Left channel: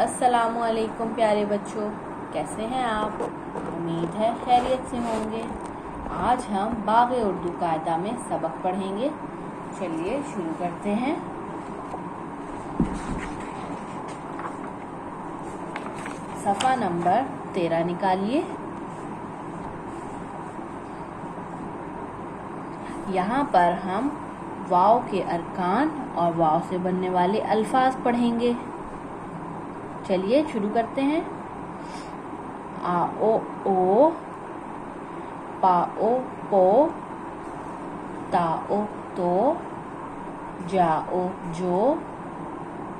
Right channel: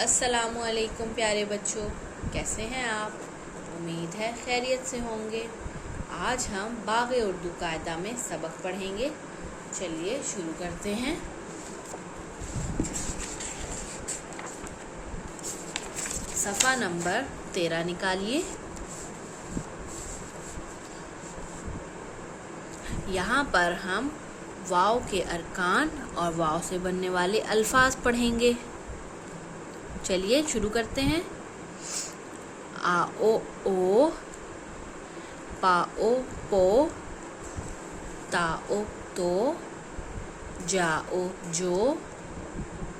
अस्सलामुअलैकुम प्यारे बच्चों, कैसे हैं आप? उम्मीद है खैरियत से होंगे। आज हम बाग़ उर्दू कायदा में सबक पढ़ेंगे। चलिए शुरू करते हैं। सफ़ा नंबर 13 निकालिए। यहाँ पर हम वाव के अरकान और वाव से बनने वाले अल्फाज पढ़ेंगे। चलिए शुरू करते हैं। आ ओ ओ, पा ओ पो, ता ओ तो, जा ओ जो,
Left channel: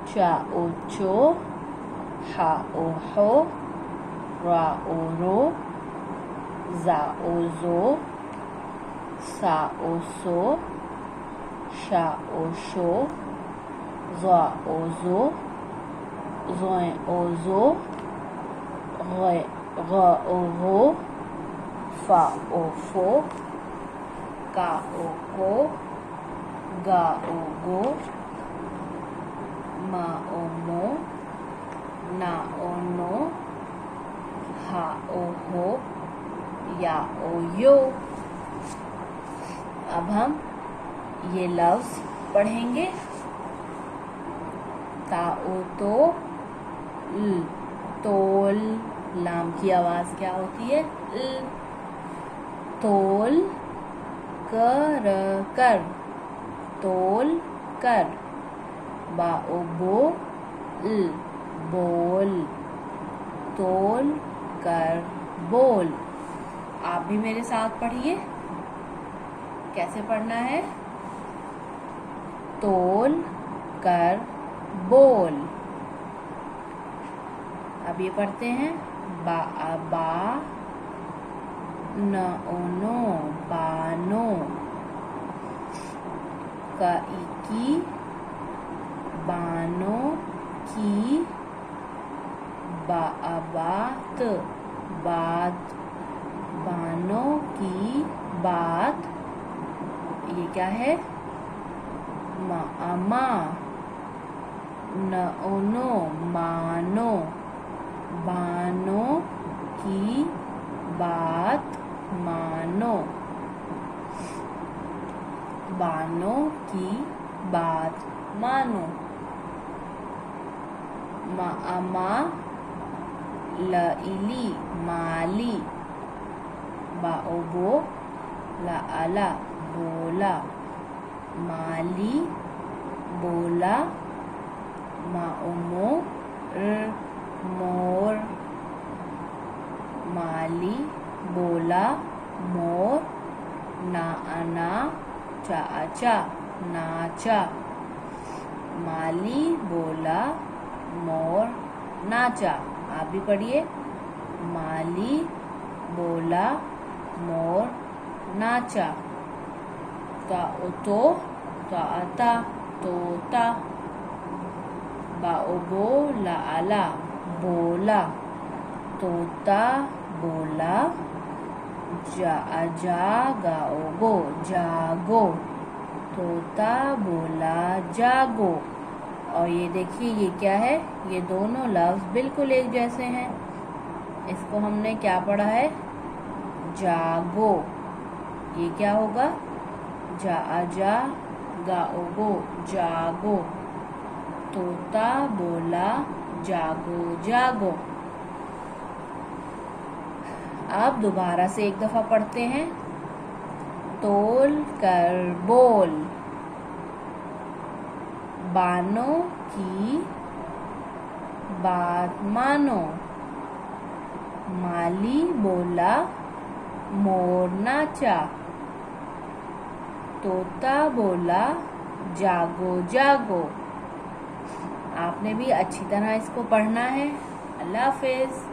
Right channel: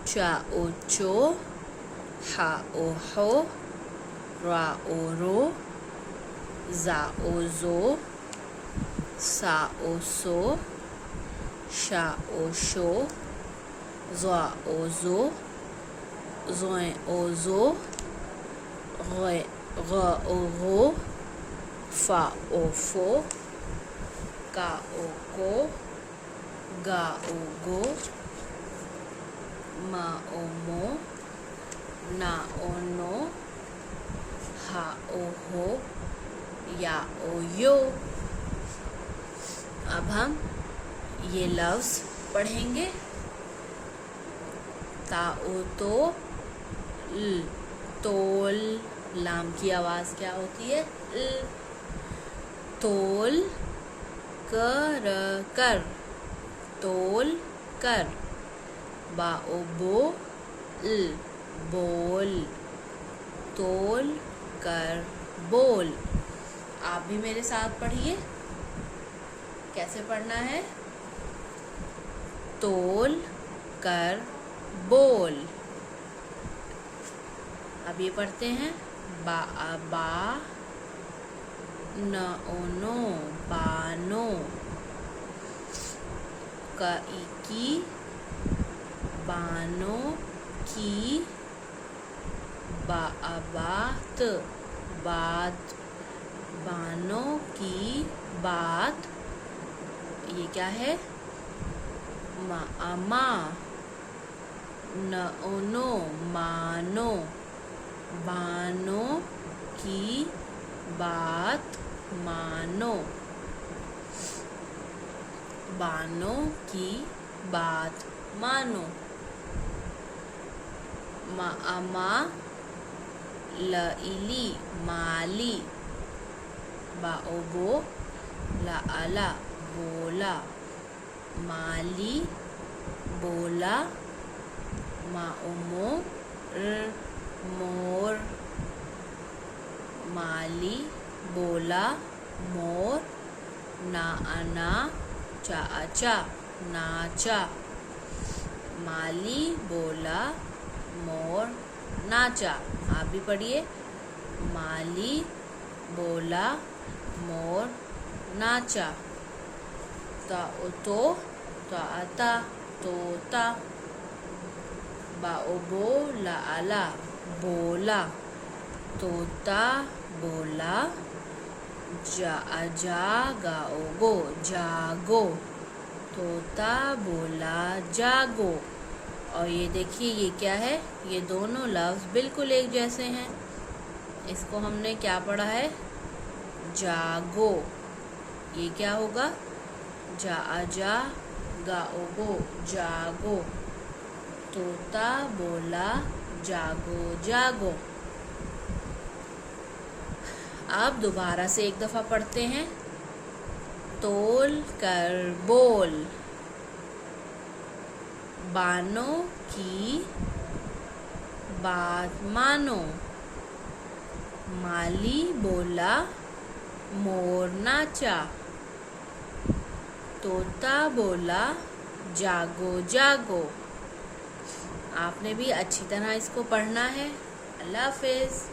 चा ओ चो, हा ओ हो, रा ओ रो, जा ओ जो, सा ओ सो, शा ओ शो, ज़ा ओ जो, ज़ोए ओ जो, ग ओ गो, फा ओ फो, का ओ को, गा ओ गो, मा ओ मो, ना ओ नो, हा ओ हो, या ओ यो। अब हम ये लफ्ज़ पढ़ेंगे। ता ओ तो ल, तोल, लाम की आवाज़ क्या होती है? ल। तोल कर, तोल कर। बा ओ बो ल, बोल, तोल कर बोल। आप भी मेरे साथ पढ़िए। कैसे पढ़ना है? तोल कर बोल। अब ये पढ़ते हैं। बा बा, न ओ नो, बानो, का ई की, बानो की, बा बात, बात, बानो की बात। ये क्या है? मा अमा, न ओ नो, मानो, बानो की बात मानो, बानो की बात मानो। मा अमा, ल इली, माली, बा ओ बो, ला अला, बोला, माली, बोला, मा ओ मो, मोर, माली, बोला, मोर, ना अना, चा अचा, नाचा, माली, बोला, मोर, नाचा। आप भी पढ़िए। माली, बोला, मोर, नाचा। ता ओ तो, ता अता, तोता, बा ओ बो, ला अला, बोला, तोता, बोला, जा गा ओ गो, जागो, तोता, बोला, जागो। और ये देखिए, ये क्या है? ये दोनों लफ्ज़ बिल्कुल एक जैसे हैं। इसको हमने क्या पढ़ा है? जागो। ये क्या होगा? जा गा ओ गो, जागो, तोता, बोला, जागो जागो। अब दोबारा से एक दफ़ा पढ़ते हैं। तोल कर बोल, बानो की बात मानो, माली बोला, मोर नाचा, तोता बोला, जागो जागो। आपने भी अच्छी तरह इसको पढ़ना है। अल्लाह हाफ़िज़।